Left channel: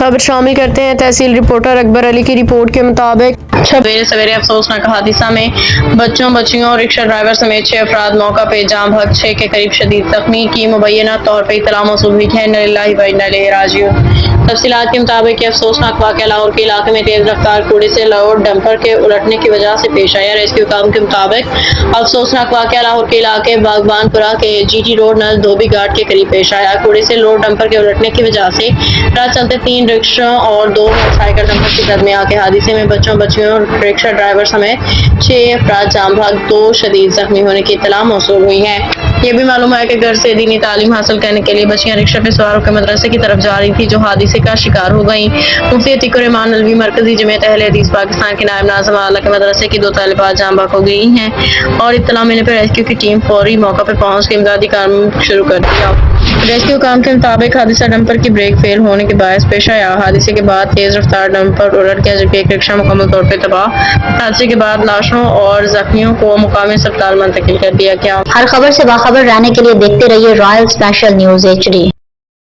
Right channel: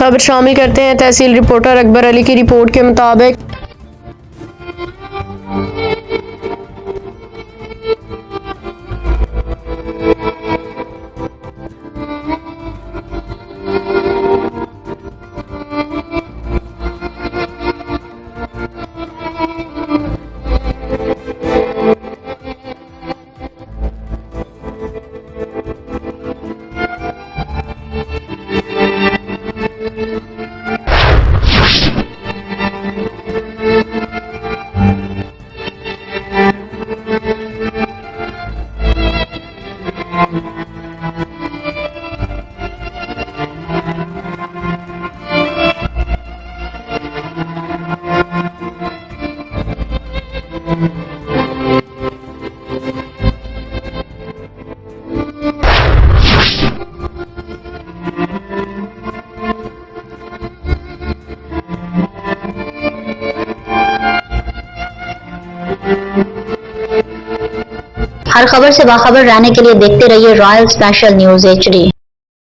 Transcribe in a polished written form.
खबर शामिल करते हैं तहसील रिपोर्टर अकबर अली की रिपोर्ट के मुताबिक सवेरे सवेरे अफसोसनाक हादसा में बच्चों बच्चियों और रिक्शा ड्राइवर समेत 6 अफराद मौका पे जाम बहक 6 के करीब शदीद जख्मी की मुबैना तौर पर इत्तला मौसूल हुई है। इन्ना लिल्लाहि व इन्ना इलैहि राजिऊन। तफसीलात के मुताबिक अफसोसनाक वाक़या लाहौर के इलाके में तेज रफ्तार कूड़े से लोड डंपर के उलटने की वजह से पेश आया। रेस्क्यू काम के मुताबिक अफसोसनाक वाक़या लाहौर के इलाके बागबानपुरा के GT रोड नज़दीक धोबी घाट के करीब पेश आया। कूड़े से लोड डंपर के उलटने की वजह से राह चलते 3 रिक्शा और 2 मोटरसाइकिल डंपर की जद में आके हादसे में बच्चों बच्चियों रिक्शा ड्राइवर समेत 6 अफराद जाम भाग 2 शदीद जख्मी होने की इत्तला मौसूल हुई है। ये भी मालूम है कि घर से दीनी तालीम हासिल करने के लिए बच्चियां रिक्शा पे सवार होकर मदरसे की तरफ जा रही थी जो हादसे का शिकार हो गई। मुफ्ती अतीकुर रहमान अलवी मरकजी जमीयत अहले हदीस पाकिस्तान के नायब नाज़िम आला के मदरसे की 2 तालिबात जाम भाग हो गई हैं और इत्तला मिलने पर रेस्क्यू की टीम फौरी मौका पर पहुंच के इमदादी काम शुरू कर दिया। रेस्क्यू काम के मुताबिक हादसा डंपर की ब्रेक फेल होने के बायस पेश आया। हादसे के बाद तेज रफ्तार डंपर उलट गया जबकि एक रिक्शा मुकम्मल तौर पर तबाह। हादसे के बाद लाशों और जख्मियों को मुकामी अस्पताल मुंतकिल कर दिया गया। हर खबर से बाखबर रहने के लिए देखते रहिए रॉयल स्पेशल न्यूज़ HD।